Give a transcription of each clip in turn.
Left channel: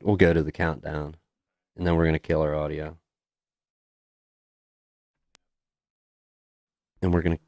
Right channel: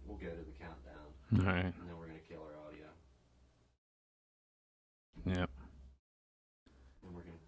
We'll go to the countdown, All right. and then we're gonna kill our audio, Yep. and we're gonna.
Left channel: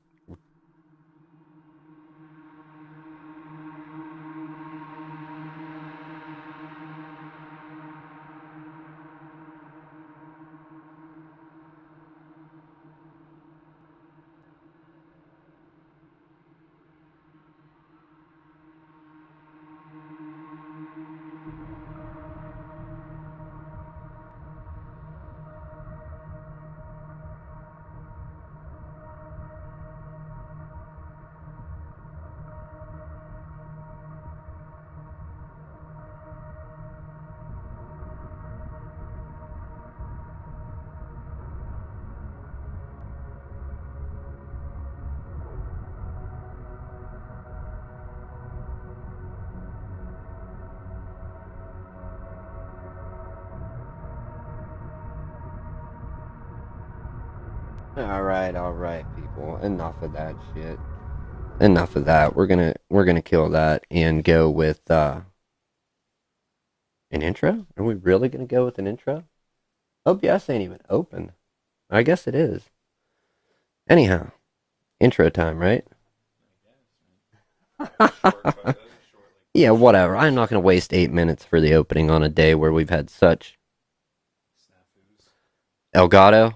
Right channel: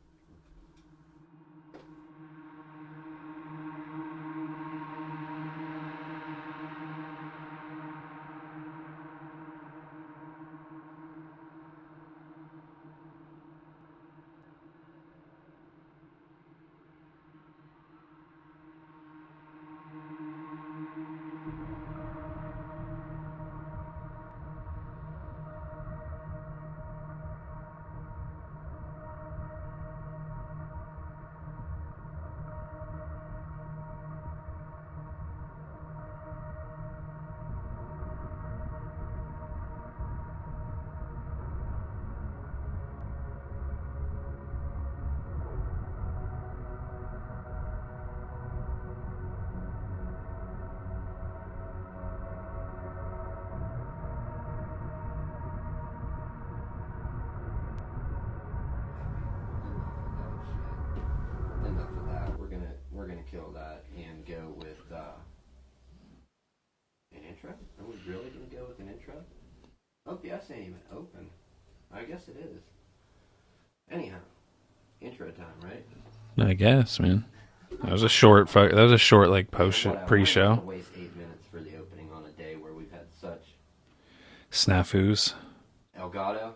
All right, people. Enough of that shit. Enough of that. We're gonna kill that and go with an intro. Are we really gonna go with an intro? OBS ain't even open. I guess it is. Anyhow, intro time, right? I guess, man. That was a short. That was a short like. Yeah, whatever. I'm pre-show. not gonna waste 8 minutes for the opening on a day where we've had such Snafus. Elgato.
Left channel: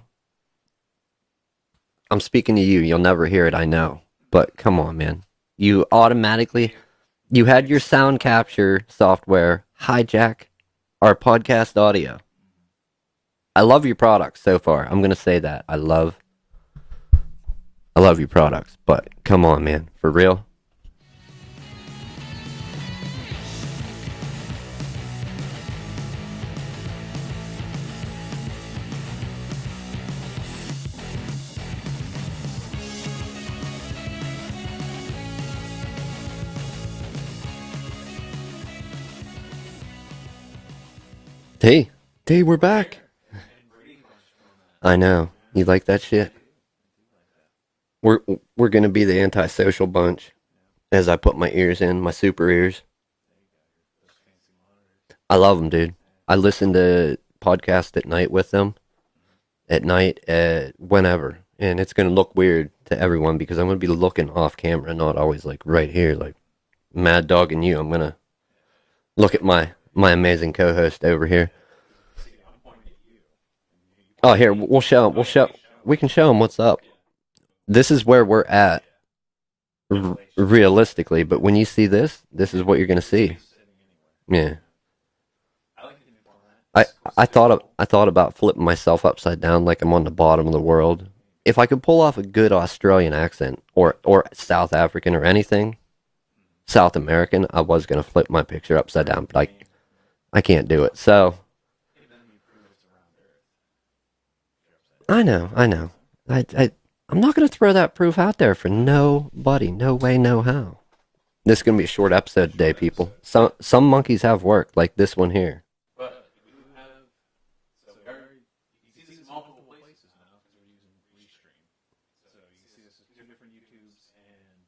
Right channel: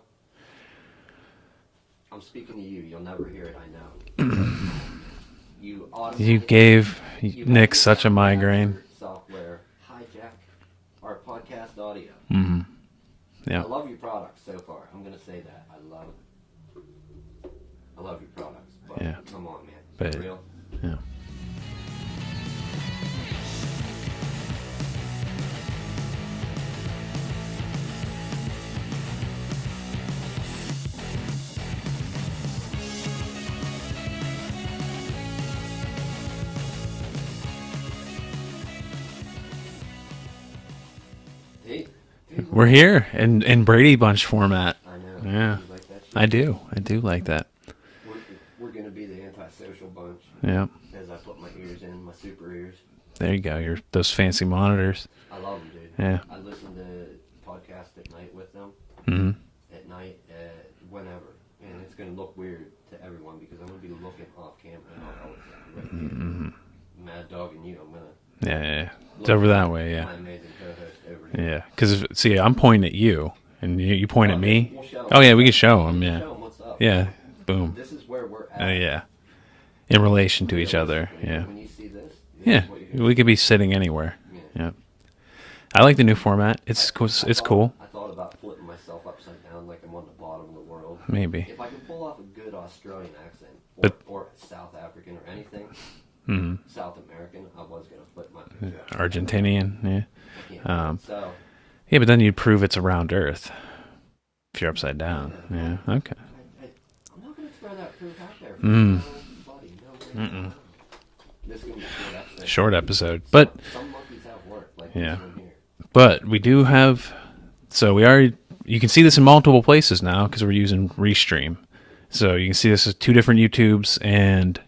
I'm speaking to you. You'll never hear it, I know. But come on, man. You automatically you had Nick your such a sound migraine. capture software hijack our podcast audio. Mm-hmm. Yeah. I love your products so far. I'm gonna say that. I love your products. But Yeah. come on, man. For But- real. Yeah. Hey, we're back. here in Brady Bunch format. I know. Yeah. You like that shit? I do like that. We're gonna be the antisocial bunch Yeah. as I put my ears in, my super ears. There you go. Those fancy monitors. I love them, dude. Yeah. I listen to podcasts at night with them. Mm-hmm. At night, whenever, and it's gonna look weird to everyone because I'm gonna be looking off camera, not always like right here, like Mad Dog and you. I'm gonna Yeah. look It's at over my that way, yeah. my amazing co-host over here. Yeah. Because see, I'm pointing at you, and you point Oh, at here me. we'll show 'em. Oh We'll yeah, we can show them. We can show them what's up. Yeah. Boom. This is where we're at. Yeah. In relation to realistically, each other. but when you see this Yeah. is what you're gonna see. We could be sitting anywhere. Yeah. Yeah. I like the new format. It's cool. I It's thought cool. I thought about flipping myself upside down like I'm on the bottom of the world. Maybe. If I could pull off a good Australian accent or South African or anything, South American, I was gonna flip my picture upside down. Argentinian. Yeah. I can't do it. So Yeah, but then you'd prove it's around Earth if you're upside down. I know. Okay. I'm not gonna throw that proof out there for nobody. No way, no how. This is gonna be a short episode. Short today, people. episode, But but- some monkeys have work, like this Yeah. one here. But we do have. So we already. You can see this in multiple places now because we're using Restream. So you can see this as two different YouTubes and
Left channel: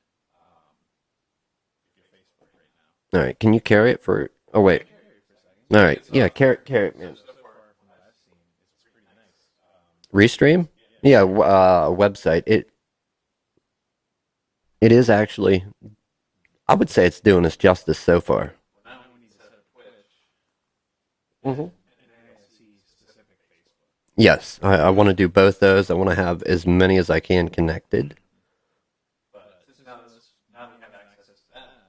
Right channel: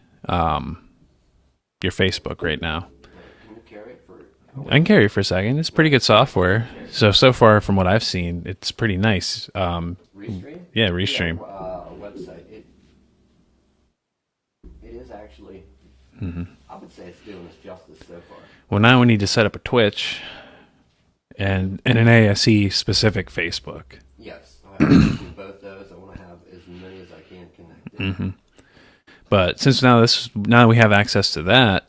your Facebook right now. All right, can you carry it for? Oh I wait, can carry it for a second. It's All pretty right. good software. Yeah, carry it. So far from what I've seen, it's pretty nice. Restream. Yeah, Yeah, Restream. website. It is actually. I would say it's doing us justice so far. Well, now we need to set up a Twitch and an ASE specific Facebook. Yes, I want to do both those. I want to have as many as I can connected. But since now that we have access to that,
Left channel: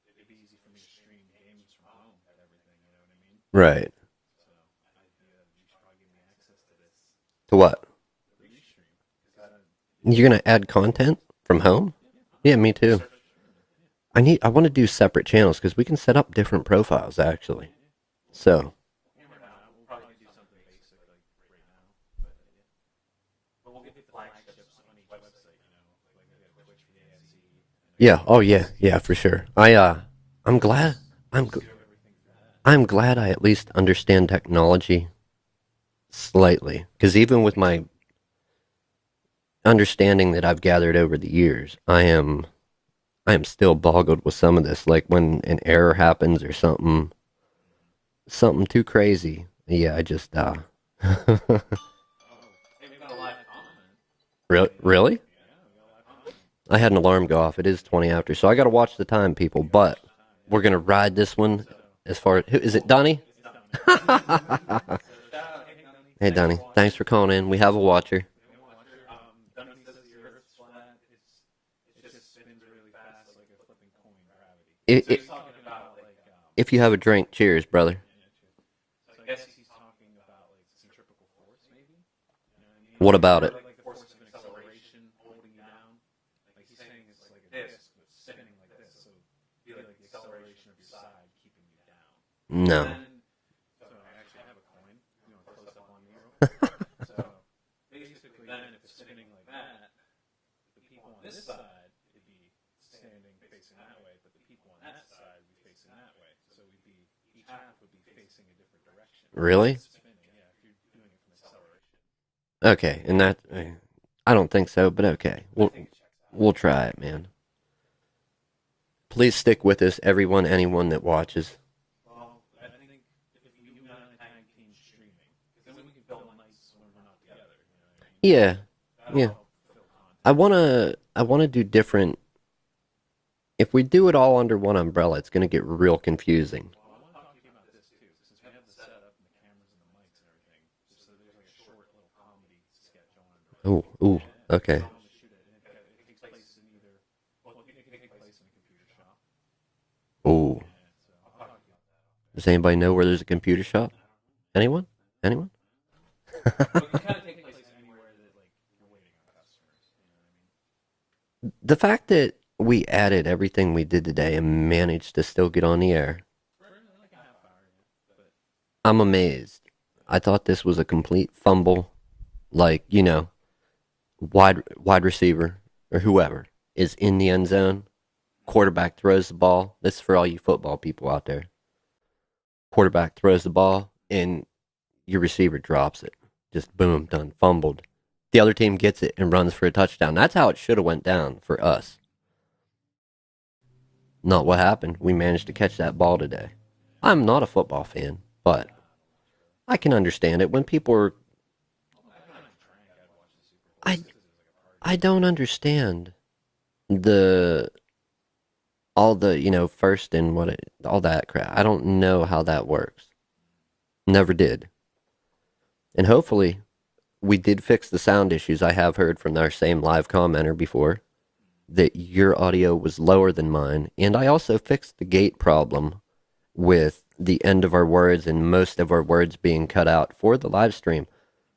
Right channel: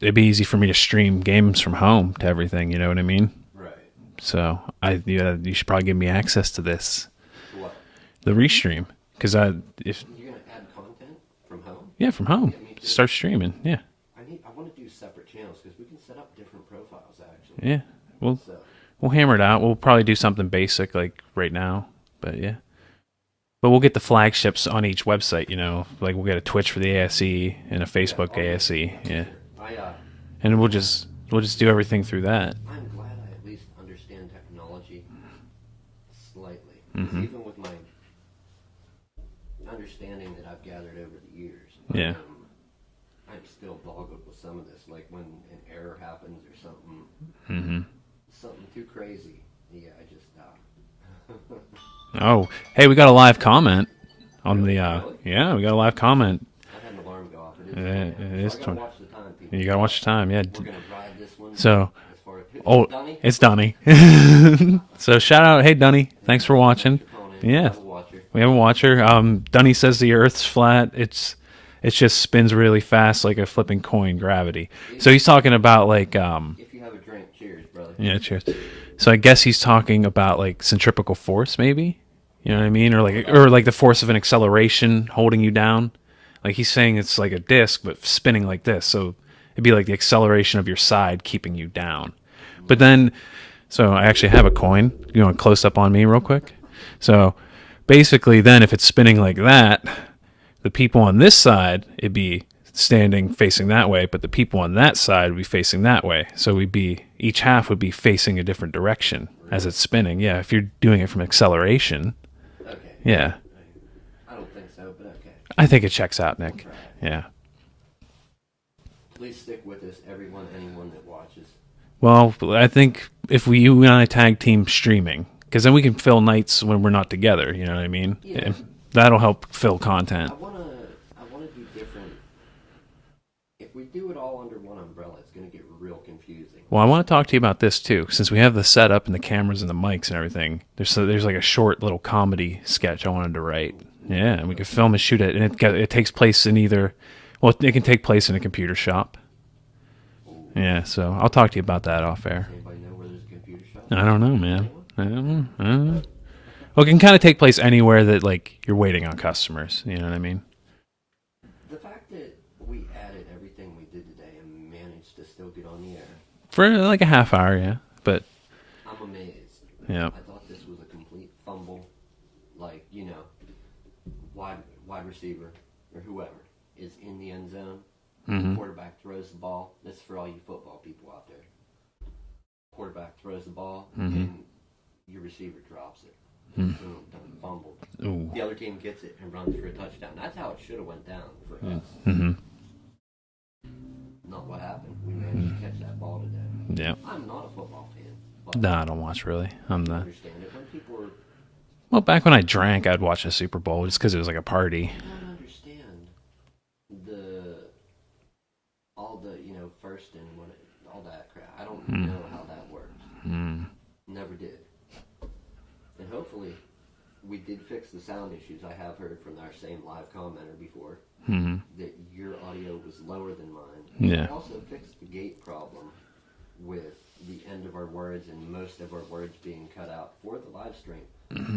it'd be easy for me to stream games from home to everything. You know what I mean? Right. So you should probably give me access to this, For what? the Restream, because You're gonna add content from home? from home. Yeah, me too. Start streaming. Yeah, I want to do separate channels because we can set up different profiles actually. yeah. So We'll hammer it out. We'll probably do something basic like right now, but yeah. But we'll get the flagships on each website. You know, like we'll get a Twitch for the ASE and a yeah. Facebook Oh ASE. yeah, for sure. And I'm we'll glad. just do everything through that. I'm glad I at least understand technology slightly because even with my understanding that I've gathered over the years, I am I am still boggled with some of this. Like when an error happens or something, something too crazy. Yeah, I just Oh, hey, we got a live comment on really, the. really. Yeah, we got a live comment. I had an alarm go off. It is 20 It after, so I is got to watch the time, people. You got to But watch time. Yeah. we're gonna ride this one So, as far as is oh, it Donnie? it's Dunny. So shout out, hey Dunny, Hey thanks for Donnie, thanks watching. for calling in. We Yeah, have a watcher. we have a watcher. Dunny says the Earth's flat. It's just spins really fast like a flipping coin, gravity. So If he's talking about like if you have a drink, cheers, brother. yeah, cheers. So I guess he's talking about like centripetal force, maybe. You know what I mean? What about Or it? like the force of an acceleration holding you down. Like he's saying it's like a disc but spinning like this. So it'd be like the acceleration of your side keeping you down. But No, then so I actually have a coin. You want to close up on me real quick? So basically then if it's spinning like that, the people on this side it'd be standing facing that way, but the people on that side would be facing that way. So we'd be each half would be facing a different direction as really? it's spinning. Yeah, if you're doing it from acceleration. Okay. Yeah. I don't think so, but okay. I think it checks out. We'll Man. try it. Yeah. Please stick with us, everyone, anyone that watches. Well, I think if you and I tag team streaming, because then we can fill nights when we're not together. You know what I mean? Yeah. That'll Yeah. help fill content. I wanna do different. If we do it all under one umbrella, it's gonna get real confusing. Well, I want to talk to you about this too, since we have the setup and the cameras and the mics and everything. There's like a short little comedy sketch I wanted to write. Ooh, Yeah, and we okay. can film and shoot it, and it takes place in either. Well, it can take place in a computer shop. Oh, Yeah, so I'll talk to you about that off air. does anybody know where there's a computer shop? I don't know, man. Anyone? I don't Anyone? know. I don't know. Well, it can kind of take place anywhere that like you're waiting on customers. You know what I mean? The fact that we added everything we did today and managed to still get on the air, For like a half hour, yeah. But I'm amazed. yeah, I thought this was a complete fumble, like wide receiver or whoever is in the end zone. Quarterback throws the ball. This is for all you football people out there. Quarterback throws the ball and your receiver drops it. Just boom, done, fumbled. Ooh. The other team gets it and runs for a touchdown. That's how it should have went down for us. Not what happened. We managed to catch that ball today. Yeah. I'm not a football fan, but No, I don't watch really. I can understand it when people are. Well, back when I drank, I'd watch a Super Bowl just because it was like a party. I don't understand the all the first and all that crap. I don't know how that works. Never did. And hopefully, we did fix the sound issues. I have heard from our same live commenter before that your audio was lower than mine, and Yeah. I also fixed the gate problem with the end of our words and most of our words being cut out for the live stream.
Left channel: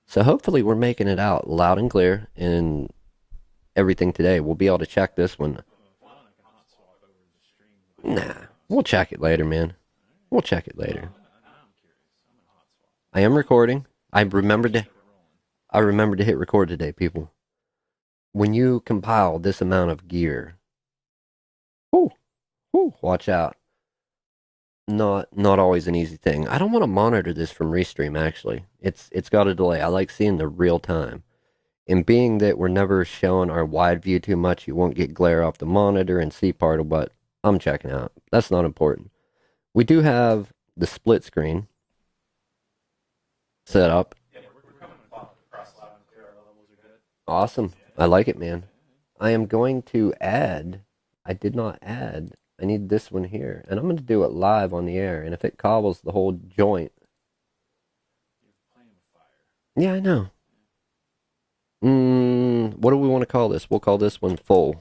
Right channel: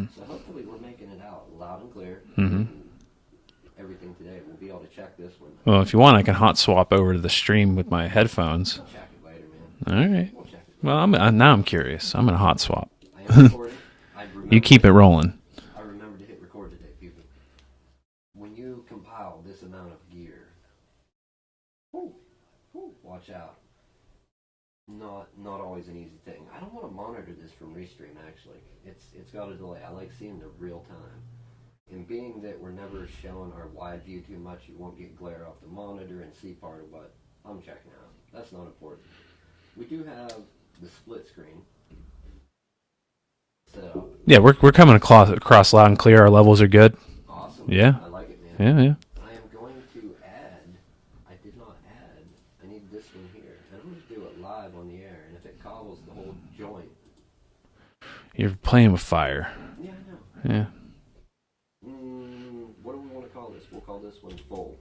So hopefully we're making it out loud and clear and everything today. We'll be able to check this one. Well, if you want, I can hot swap over to the stream with my headphones. We'll check it later, man. All right. We'll check it later. Well, now I'm curious. I'm gonna hot swap. I am recording. I You remember keep it rolling. I remember to hit record today, people. When you compile this amount of gear, watch out. Not always an easy thing. I don't want to monitor this from Restream actually. It's got a delay. I like seeing the real time. And being that we're never showing our wide view too much, you won't get glare off the monitor and see part of what I'm checking out. That's not important. We do have the split screen set up. Yeah, we're coming across loud and clear. Our levels are good. Awesome. Yeah. I like it, man. Yeah, yeah. I am going to add. I did not add. I need this one here. And I'm going to do it live on the air. And if it cobbles the whole joint. You're playing with fire. Yeah, I know. Yeah. What do we want to call this? We'll call this one full.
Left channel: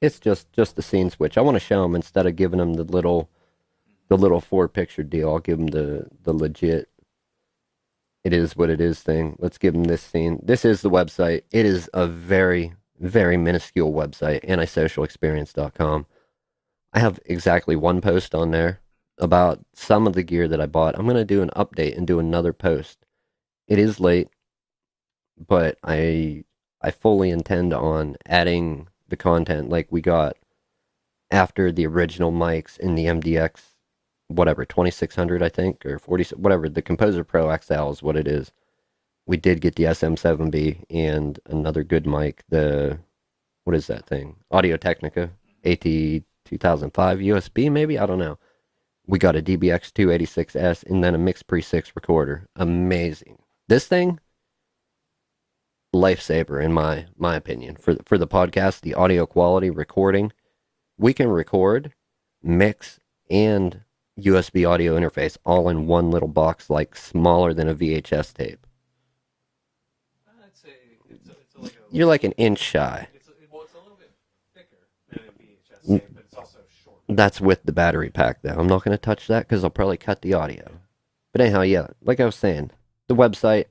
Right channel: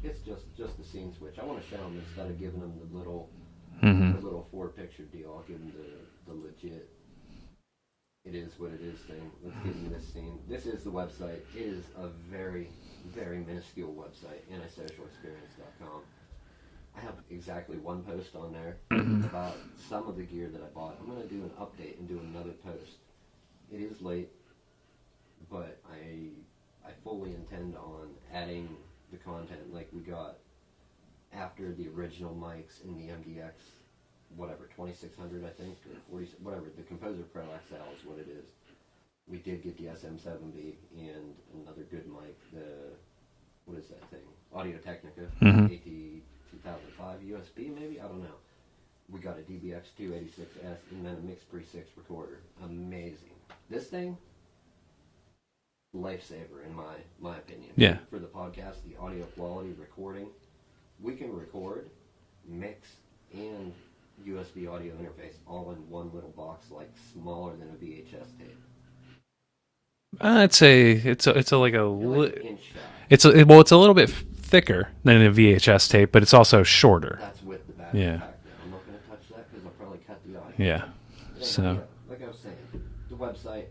It's just the scene switch. I want to show them instead of giving them the little 4-picture deal. I'll give them the legit. It is what it is thing. Let's give them this scene. This is the website. It is a very, very minuscule website, antisocialexperience.com. I have exactly one post on there about some of the gear that I bought. I'm going to do an update and do another post. It is late, but I fully intend on adding the content like we got after the original mics in the MDX, whatever, 2600 I think, or 40, whatever, the Composer Pro XL is what it is. We did get the SM7B and another good mic, what is that thing? Audio Technica, AT 2005 USB, maybe? I don't know. We got a DBX 286S and then a Mix Pre 6 recorder. Amazing. This thing, lifesaver in my opinion. Yeah. For the podcast, the audio quality, recording, we can record, mix, and USB audio interface all in one little box, like smaller than a VHS tape. I'd say it's a like a. You're like an inch shy. It's a little bit thicker than a VHS tape, but it's also shorter. That's with the battery Yeah. pack, though. I'm not going to touch that because I'll probably cut the audio. Yeah. But anyhow, So- yeah, like I was saying, the website,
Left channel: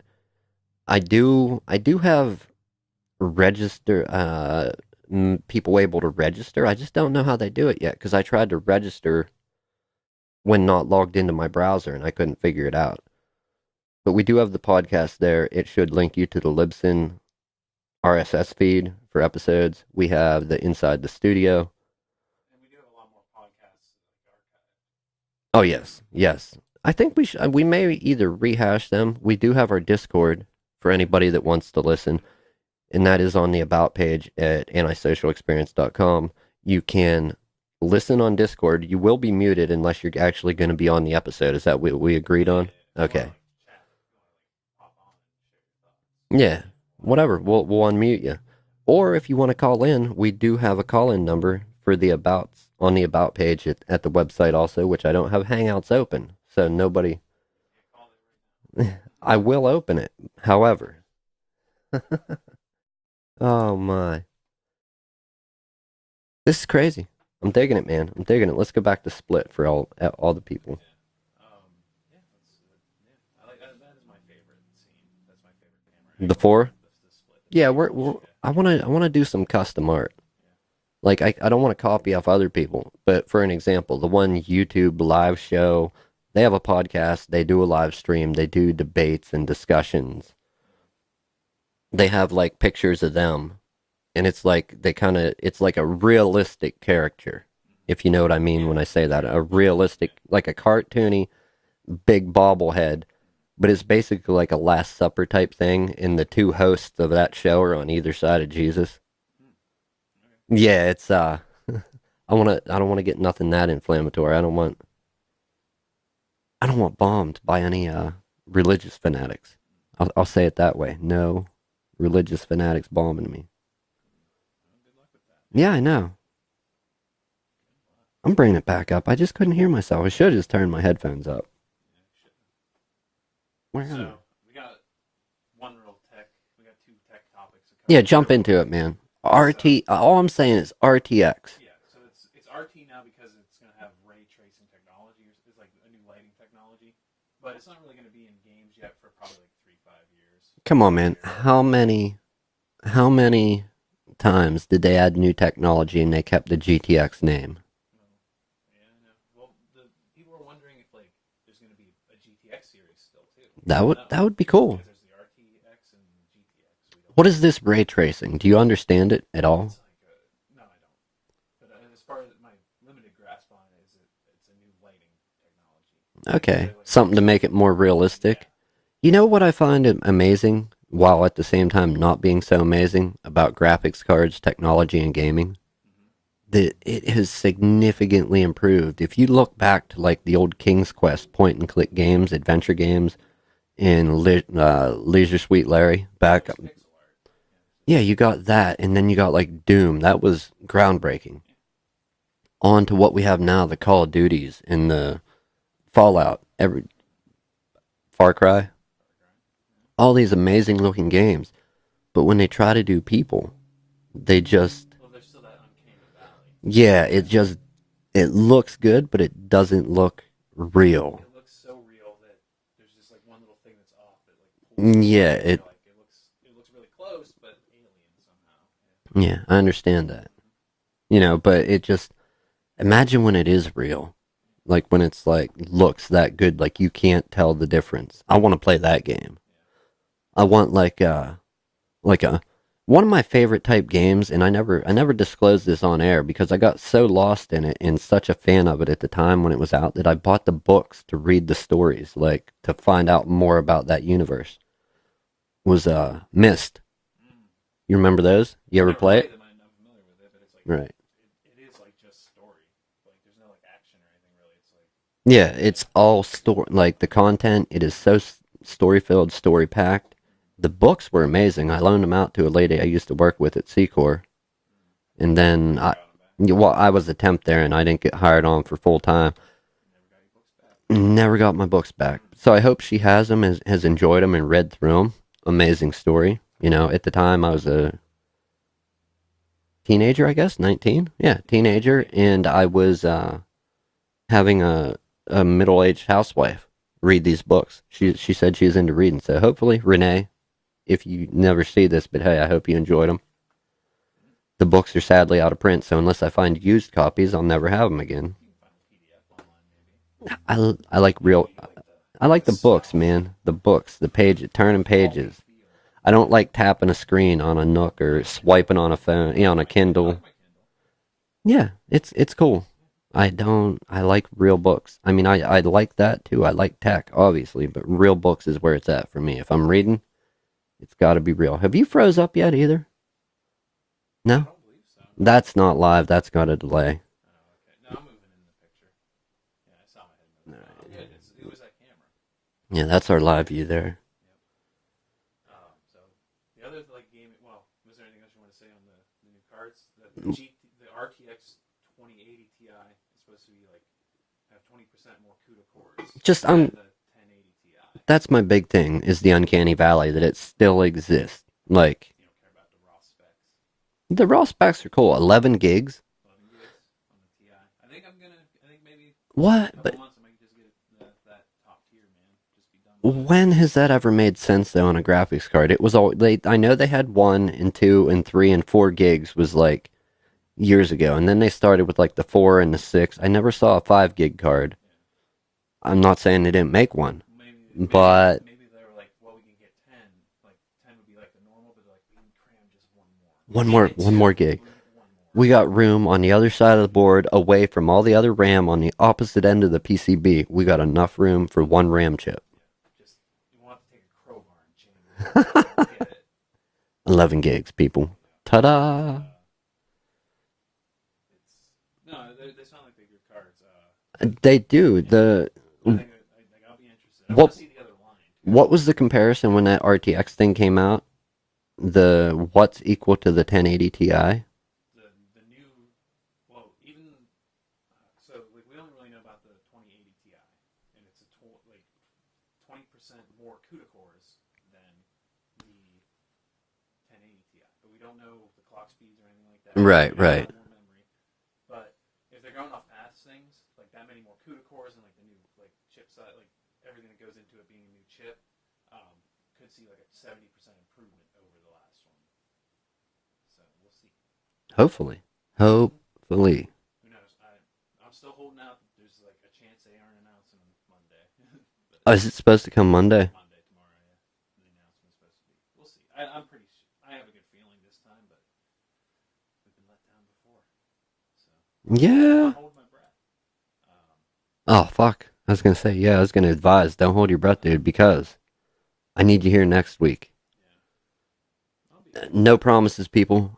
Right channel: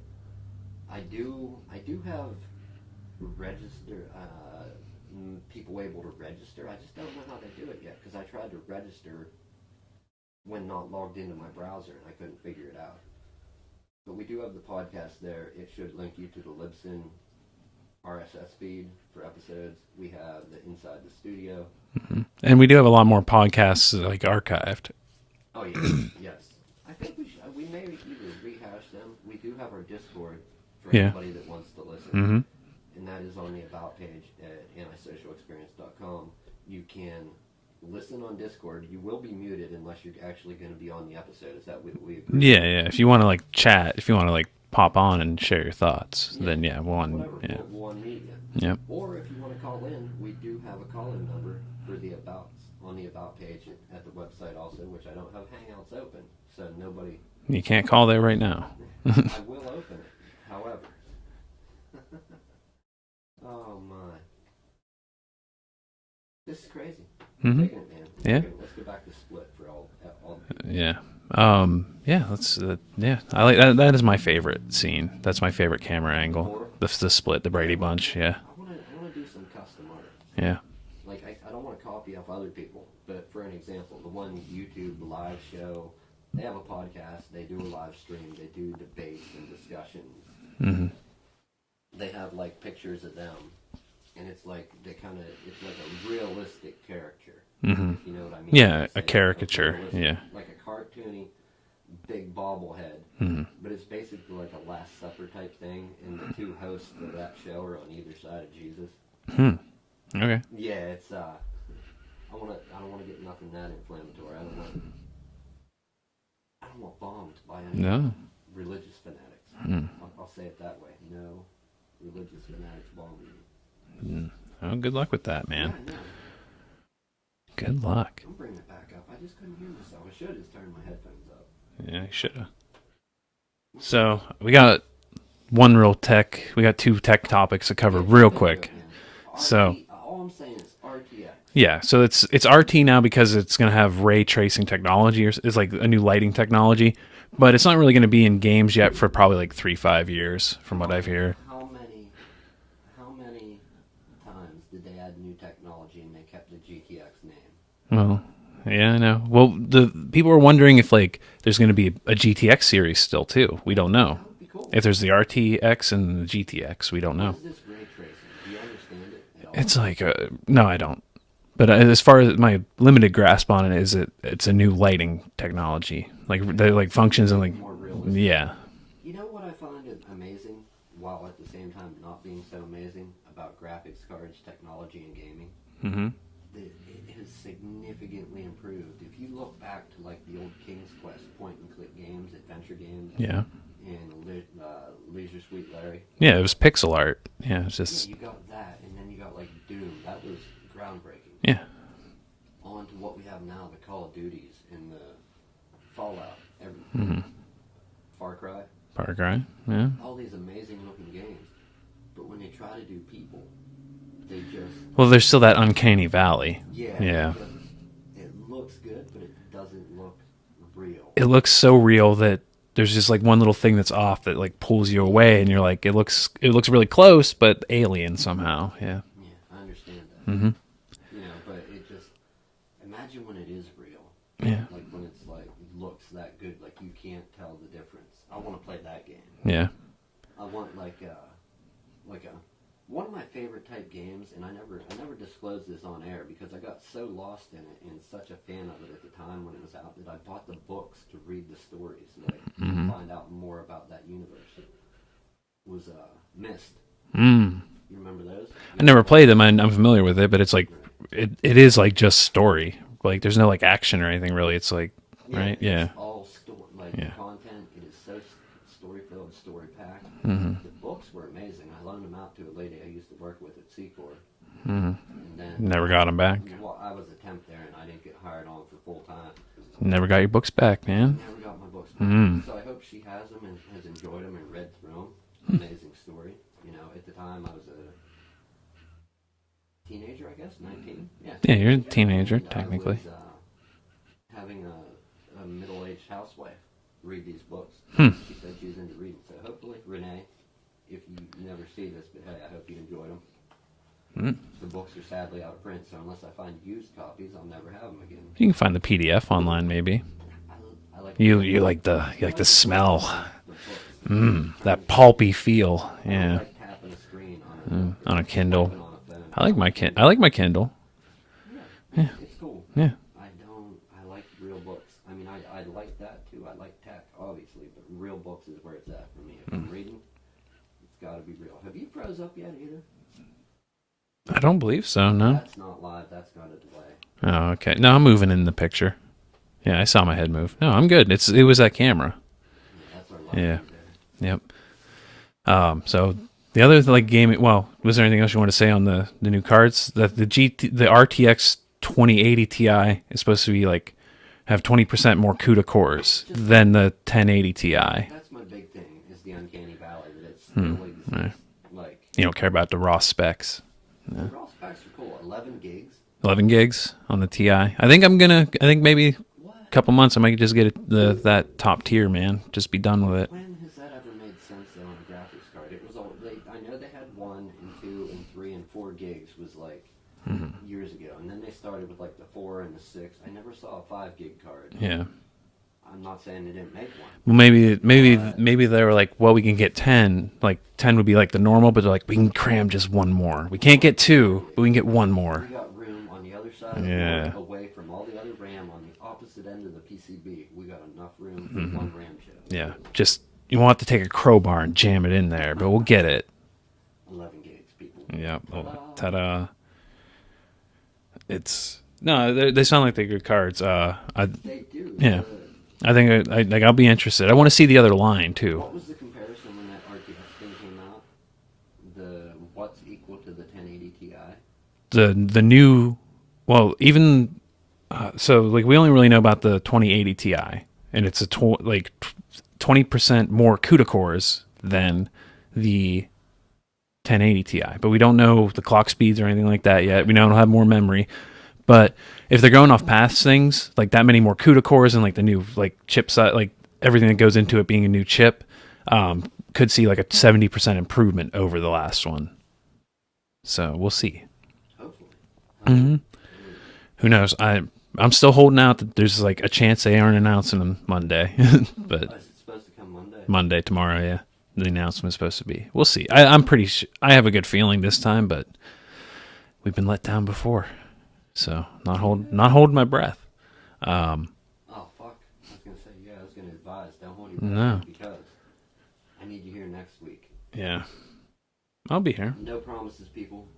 I do have register people able to register. I just don't know how they do it yet because I tried to register when not logged into my browser and I couldn't figure it out. But we do have the podcast there. It should link you to the Libsyn RSS feed for episodes. We have the Inside the Studio. And we do have a lot more podcasts like archived. Oh yes, yes. I think we may either rehash them. We do have our Discord for Yeah. anybody that wants to listen, and that is on the About page at antisocialexperience.com. You can listen on Discord. You will be muted unless you're actually going to be on the episode. Is that what we agreed Yeah, on? yeah. If you want to like chat, if you want to like pop on and share your thoughts, Yeah, then yeah, whatever. Yeah. We'll unmute you. Yep. Or if you want to call in, we do have a call-in number for the About on the About page at the website also, which I don't have Hangouts open, so nobody. You can't call there right now. I will open it, however. Oh my. This is crazy. I'm digging it, man. I'm digging it. Let's go back to Split for all the people. Yeah. Yeah. Let's. Yeah. I like that. That is my favorite scene. That's my favorite camera angle. The four? The split. The Brady bunch. Yeah. I wanna do some custom art. Yeah. Like I don't want to copy off other people, but for an example, the one YouTube live show, they have a podcast, they do a live stream, they do debates and discussions. They have like pictures of them, and it's like it's like a realistic character, if you know what I mean Yeah, when I say a that, a caricature, realistic, yeah. like a cartoony, big bobblehead, but it's basically like a Last Supper type thing, and the two hosts of that show are on either side of Jesus. Okay. Yeah, it's I don't want to get nothing that inflammatory. I don't want bombed by any religious fanatics. I'll say it that way. No religious fanatics bombing me. Oh, good luck with that, man. Yeah, I know. Good luck. I'm bringing it back up. I just couldn't hear myself. I should have just turned my headphones up. Yeah, you should have. Where- So we got we got two tech topics to cover yeah, jump real into quick. it, man. All I'm saying is RTX. Yeah, so it's RT now because it's going to have ray tracing technology, or it's like a new lighting technology, but it's not really going to be in games yet for probably like 3-5 years. Come from on, what I man. hear. How many times did they add new technology and they kept the GTX name? Well, yeah, I know. Well, the people are wondering if like there's going to be a GTX series still too. We don't know. That would be cool. If there's the RTX and the GTX, we don't know. What is this ray tracing? Do you understand it at all? It's like no, I don't. But as far as my limited grasp on it is, it's a new lighting technology. Like, Okay, they, like something to functions make and, it more realistic. Yeah. You know what I find amazing, while at the same time not being so amazing about graphics cards, technology, and gaming? That it has significantly improved. If you look back to like the old King's Quest point-and-click games, adventure games, Yeah. and Leisure Suite Larry. Yeah, back- it was pixel art. Yeah, it's just yeah, you got that, and then you got like Doom. That was groundbreaking. yeah. On to what we have now, the Call of Duties and the Fallout, Far Cry, Far Cry. Yeah. all these amazing looking games. But when they try to do people, they just Well, there's still that uncanny valley. yeah. Yeah. It looks good, but it doesn't look real. It looks so real that there's just like one little thing that's off that like pulls you Yeah, away, and you're like, it looks really close, but alien somehow. Yeah. Yeah, I understand that. You know, but it just imagine when it is real. Yeah. Like when it's like looks that good, like you can't tell the difference. I want to play that game. Yeah. I want like a one of my favorite type games, and I never disclosed this on air because I got so lost in it and such a fan of it at the time when it was out that I bought the books to read the stories, like to find out more about that universe. Was Myst. You remember those? You I ever never play played it? them. I'm familiar with it, but it's like Right. it is like just story. Like there's no like action or anything really. It's like Yeah, right? it's Yeah. all story. Like the Yeah. content, it is so story filled, story packed. The books were amazing. I loaned them out to a lady I used to work with at Secor, and then Never got them back. yeah, well, I was a temp there, and I didn't get hired on for full time. Never got your books back, man. Never got my books back. So I hope she has them, has enjoyed them, and read through them. Amazing story. You know, at the time I was a teenager, I guess, 19. Yeah, Yeah, you're a teenager, teenager, and I technically. was having a middle-aged housewife read these books. She said she was into reading. So hopefully, Renee, if you never see this, but hey, I hope you enjoyed them. The books are sadly out of print, so unless I find used copies, I'll never have them again. You can find the PDF online, maybe. I like You real. you like the I like the smell, books, man. The books, the page, turning that pulpy pages. feel. I don't Yeah. like tapping a screen on a Nook or on a Kindle. swiping on a phone. I Yeah, like on a my Kindle. I like my Kindle. Yeah, it's cool. Yeah. I like real books. I mean, I like that too. I like tech, obviously, but real books is where it's at for me. If I'm reading, it's got to be real. Have you froze up yet either? No, I don't believe so. No. that's not live. That's got a delay. Oh, okay. No, I'm moving in the picture. Yeah, I saw my head move. No, I'm good. It was that camera. Yeah, that's our live Yeah. view there. Yep. So the other like gaming. Well, was there anything else you want to say on the new cards? The RTX 2080 Ti is supposed to be like have 20% more CUDA cores than the 1080 Ti. That's my big thing is the uncanny valley that it still exists. Like You don't care about the raw specs. the raw specs are cool. 11 gigs. 11 gigs on the Ti. I think maybe What? a couple months I might just get that top tier, man. Just be done with it. When has that ever made sense though on a graphics card? It was all I know they had 1 and 2 and 3 and 4 gigs was like years ago, and then they started with like the 4 and the 6. I never saw a 5 gig card. Yeah. I'm not saying they didn't make one. Well, maybe But- maybe they were like, well, we can get 10. Like 10 would be like the normal, but they're like, we can cram just one more. We One can't more- get one 2. more gig. But we can get one more. We got room on the other side of the board, Yeah. away from all the other RAM on the opposite end of the PCB. We got enough room for one RAM chip. Yeah. Just you won't have to take a crowbar and jam it in there, but we'll get it. 11 gigs, people. Yeah. Ta-da! Ta-da. It's no, they sound like they're good cards. They do. Yeah. I think I'll be interested. I want to see the other line too. What was the comparison when that RTX thing came out? The what's equal to the 1080 Ti? The new, well, even so, like we only really know about the 2080 Ti, and it's a 20% more CUDA cores than the 1080 Ti, but we don't know the clock speeds or anything like that yet. Right, We know it'll right. have more memory, but if they're going off past things like that many more CUDA cores and like the new like chip set, like everything that goes into it being a new chip, could see like a 70% improvement over the last one. So we'll see. Hopefully. Mm-hmm. Hopefully. Who knows? I'm still holding out that there's like a chance they aren't announcing them Monday, but Oh, is it supposed to come Monday? Monday tomorrow, yeah. The announcement is supposed to be. We'll see. I'm pretty. I have a good feeling this time, but we've been let down before, so not holding my breath. Oh, fuck. I was going to say, yeah, I was going to advise, don't hold your breath, No. dude, because I need you here next week. Yeah, I'll be here. No promises, people.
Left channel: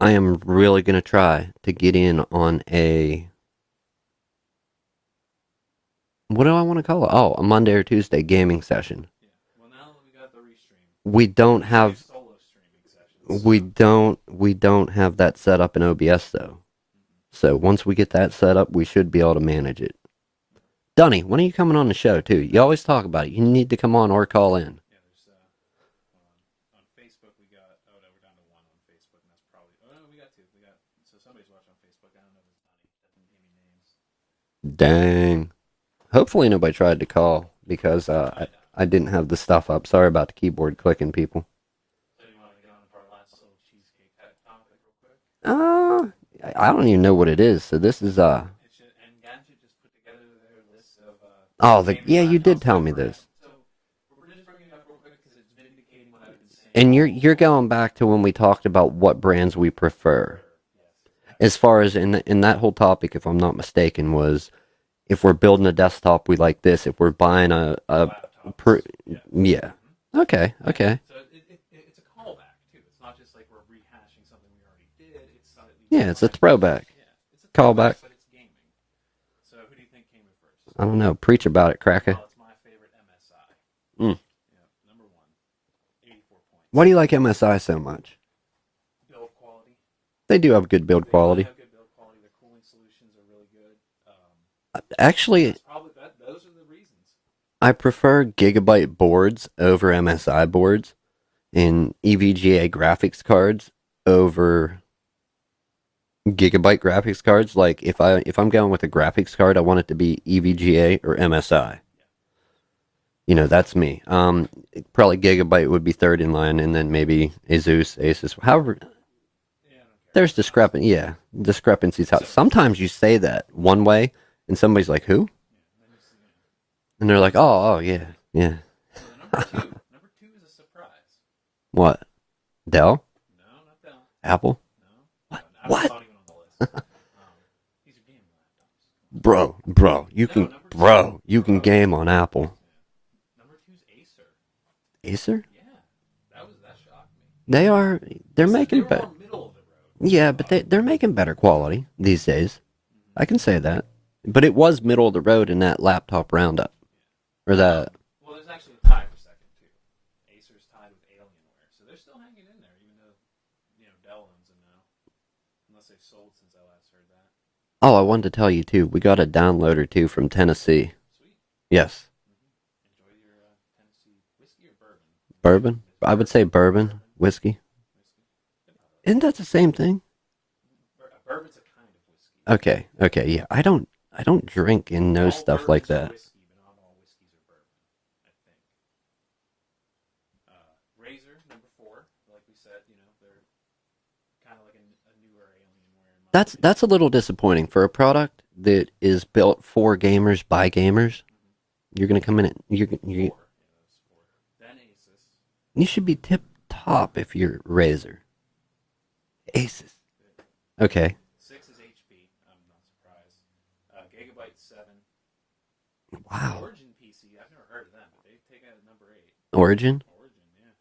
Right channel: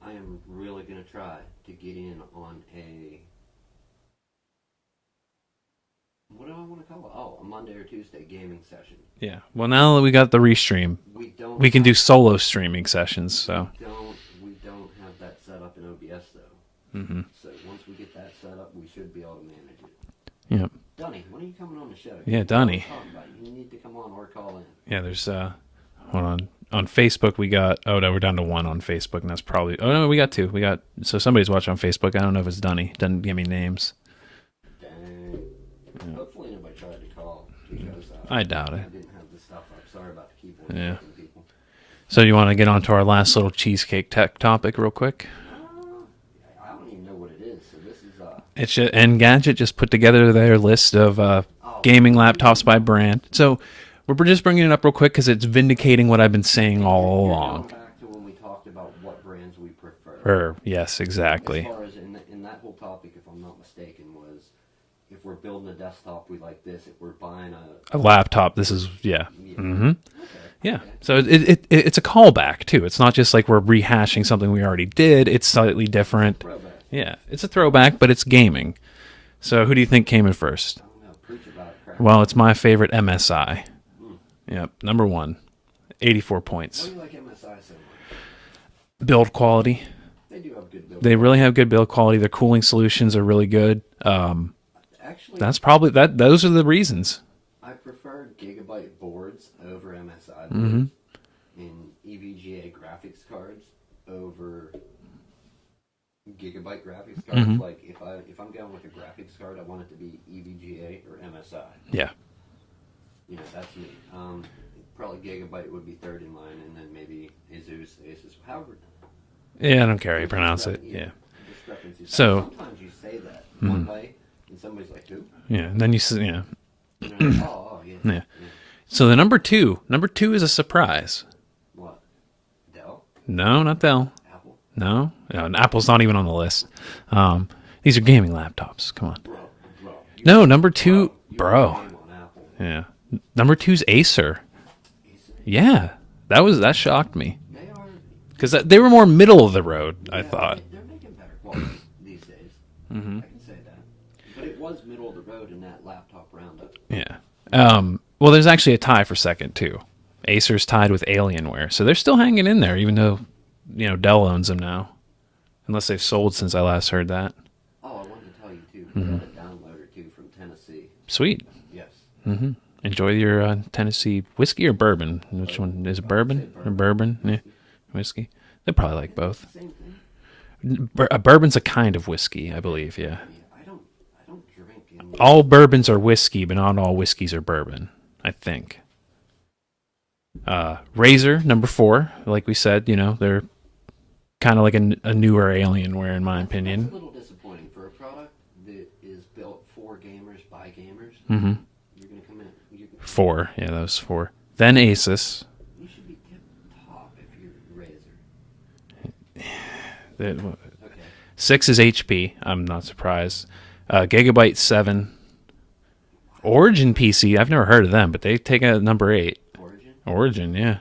I am really going to try to get in on a... What do I want to call it? Oh, a Monday or Tuesday gaming session. Yeah. Well, now that we got the restream, We don't we have... can do solo streaming sessions. We So. don't have that set up in OBS, though. Mm-hmm. So once we get that set up, we should be able to manage it. Yeah. Dunny, when are you coming on the show, too? Yeah, You always Dunny. talk about it. You need to come on or call in. Yeah. There's hold on Facebook we got. Oh no, we're down to 1 on Facebook, and that's probably. Oh no, we got 2. We got so somebody's watching on Facebook. I don't know if it's Dunny. Doesn't give me names. Dang. Hopefully nobody tried to call because I doubt it. I didn't have the stuff up. Sorry about the keyboard Yeah. clicking, people. So you want to get on to our last little cheesecake tech topic real quick? I don't even know what it is. So this is It's just, Engadget just put together their list of Oh, gaming yeah, you did laptops by tell me brand. this. So we're just bringing it up real quick because it's vindicating what I've been saying. and all you're along. going back to when we talked about what brands we prefer. Yes, exactly. As far as in that whole topic, if I'm not mistaken, was if we're building a desktop, we like this. If we're buying a laptop, this is yeah. Okay. Yeah. Okay. So it's a callback too. It's not just like we're rehashing something we already did. It's slightly Yeah, different. it's a throwback. Yeah, it's a throwback, Throwback. but it's gaming. So who do you think came in first? I don't know. Preach about it, Cracker. Well, it's my favorite MSI. Yep, number 1, 84 points. Why do you like MSI so much? Build quality. They do have good build They quality. really have good build quality. Their cooling solutions are really good. Actually, That's probably that. Those are the reasons. I prefer Gigabyte boards over MSI boards and EVGA graphics cards over Gigabyte graphics cards. Like if I'm going with a graphics card, I want it to be EVGA or MSI. Yeah. You know, that's me. Probably Gigabyte would be third in line, and then maybe Asus. However, Yeah, I don't care. there's how to pronounce it. discrepancies. So- Sometimes you say that one way, and somebody's like, "Who?" Yeah, and then yeah. And they're like, "Oh, yeah, yeah." So the number two is a surprise. What? Dell? No, not Dell. Apple? No, and Apple's not even on the list. These are gaming laptops. Come on. Bro, you No, can, number two, bro, you bro. can game on Apple. Yeah. Number 2's Acer. Acer? Yeah, that shocked me. They are. They're 'Cause making they were be- more middle of the road. I Yeah, thought. but they're making better quality these days. I can say that. But it was middle of the road in that laptop roundup. Yeah. Or that- Well, there's actually a tie for second too. Acer's tied with Alienware, so they're still hanging in there, even though Dell owns them now, unless they've sold since I last heard that. Oh, I wanted to tell you too. We got a downloader too from Tennessee. Sweet. Yes. Enjoy your Tennessee whiskey or bourbon. Which Bourbon? one? Is it I would say bourbon. Bourbon. Whiskey. Yeah. Whiskey. They probably like Isn't that both. the same thing? A bourbon's a kind of whiskey, I Okay. believe. Yeah. Okay. Yeah. I don't drink in no All stuff bourbons like are that. whiskey, but not all whiskeys are bourbon, I think. Razor, number 4, like we said, they're kind of like a newer Alienware in my opinion. That's a little disappointing for a product that is built for gamers by gamers. Mm-hmm. You're gonna come in at 4. Yeah, that was 4. Then Asus. You should be tip top if you're Razer. Okay. 6 is HP. I'm not surprised. Gigabyte 7. Wow. Origin PC. I've never heard of them, but they take a number 8. Origin. Origin, yeah.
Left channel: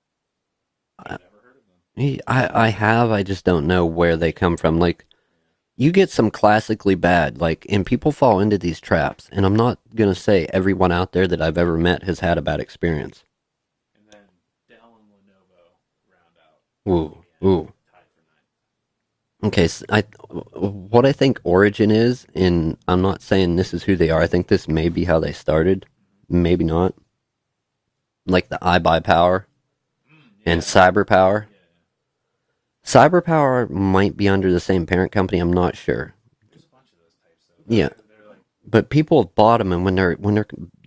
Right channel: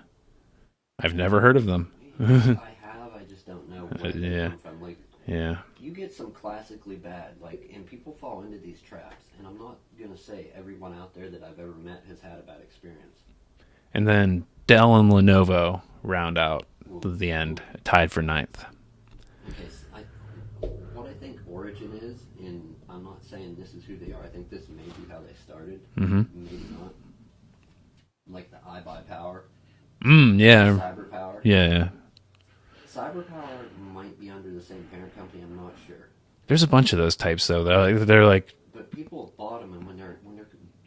I've never heard of them. I have. I just don't know where they come from. Like, Yeah. you get some classically bad, like, and people fall into these traps. And I'm not gonna say everyone out there that I've ever met has had a bad experience. And then Dell and Lenovo round out the end, tied for 9th. Okay, so what I think Origin is, and I'm not saying this is who they are. I think this may be how they started. Maybe not. Like the iBuyPower Yeah. and CyberPower. Yeah. CyberPower might be under the same parent company. I'm not sure, There's a bunch of those types though. Yeah. They're like but people have bought them, and when their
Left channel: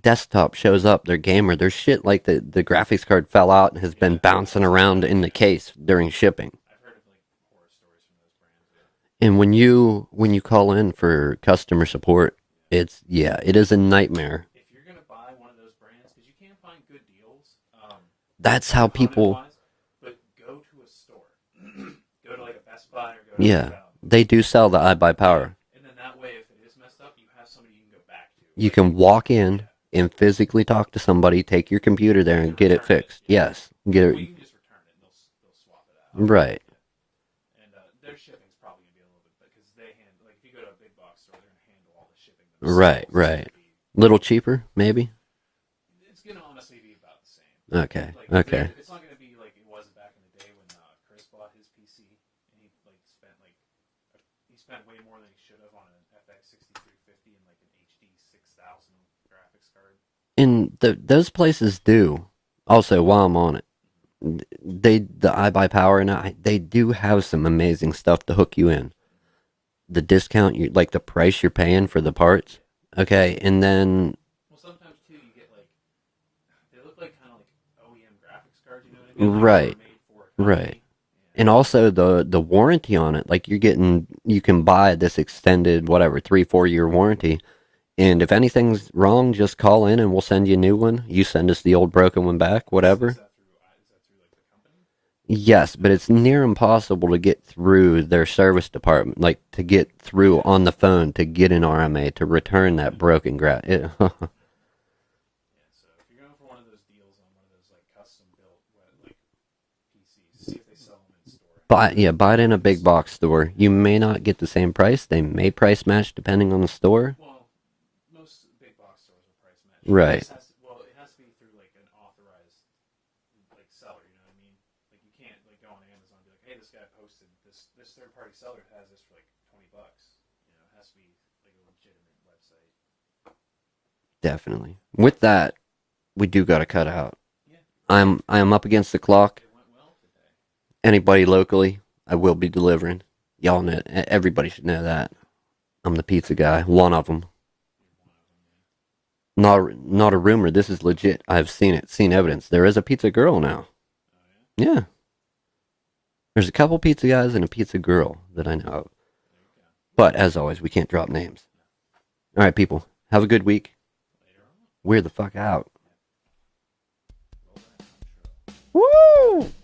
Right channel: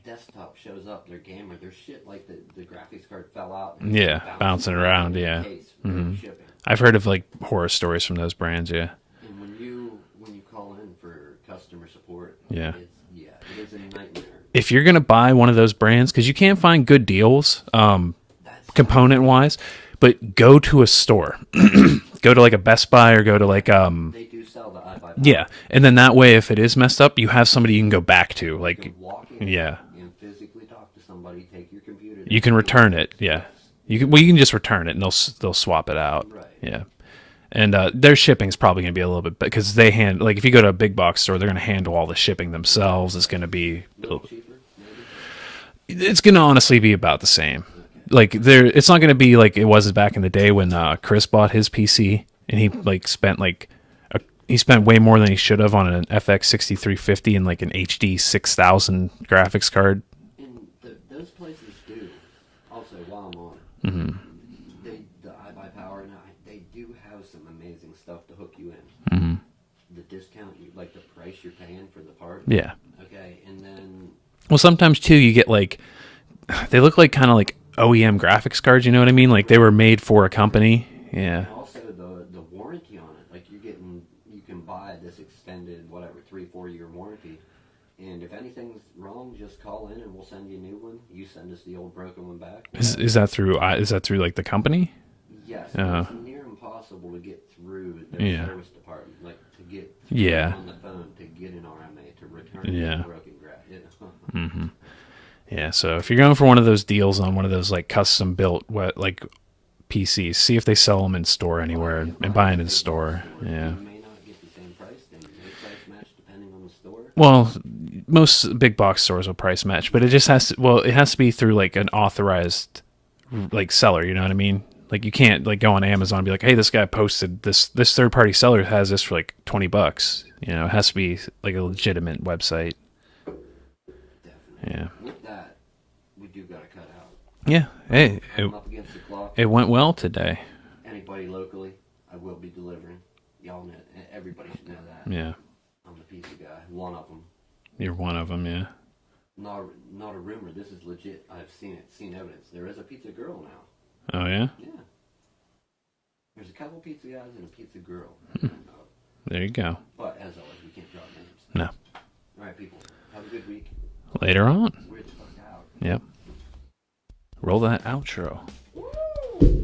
desktop shows up, their gamer, their shit like the graphics card fell out and has been bouncing around in the case during shipping. I've heard of like horror stories from those brands. Yeah. And when you call in for customer support, Yeah. it is a nightmare. If you're gonna buy one of those brands, because you can find good deals, That's how component people, wise, but go to a store. Go to like a Best Buy or go to like they do sell the iBuyPower. yeah, and then that way, if it is messed up, you have somebody you can go back to. You Like can walk in Yeah. and physically talk to somebody, take your computer there, you can and get return it it. fixed. Yeah. Yes. You can just return it and they'll swap it out. Right. Yeah. And their shipping's probably going to be a little bit because they like if you go to a big box store, they're going to handle all the shipping themselves. It's right. going to be Little cheaper, maybe. it's going to honestly be about the same. Okay. Like okay. it's not going to be like it was back in the day when Chris bought his PC and he like spent he spent way more than he should have on an FX 6350 and like an HD 6000 graphics card. And those places do. Also, while I'm on it, the iBuyPower and they do have some amazing stuff to hook you in. The discount, like the price you're paying for the parts. Yeah. Okay, and then Well, sometimes too, you get like they look like kind of like OEM graphics cards. You know what I mean? Like they were Right. made for a company. Yeah. and also the warranty on it. Like you can buy this extended 3-4 year warranty. And if anything's wrong, just call in and we'll send you a new one. You send us the old broken one back, whatever. Is that through like the company? Yes, but it's near impossible to get through their service department, like to get through on the phone to get an RMA to return that broken grass. Yeah, so if you're going for one of those deals on one of those like custom built like PCs, see if they sell them in store anywhere. Buy it in a big box store. Yeah. You may not get the same price. They may price match depending on the store. Well, most big box stores will price match, but it just has to. Well, it has to be through like an authorized like seller. You know what I mean? Like you can't like go on Amazon and be like, hey, this guy posted this. This third party seller has this for like $20. You know, it has to be like a legitimate website. Definitely. Yeah. With that, we do got to cut out. Yeah. I am up against the clock. It went well today. Anybody locally, I will be delivering. Y'all know. Everybody should know that. Yeah. I'm the pizza guy. One of them. You're one of them. Yeah. Not a rumor. This is legit. I've seen it. Seen evidence. There is a pizza girl now. Oh yeah. Yeah. There's a couple pizza guys and a pizza girl that I know of. There you go. But as always, we can't drop names. No. All right, people. Have a good week. Later on. We're the fuck out. Yep. Roll that outro. Woo!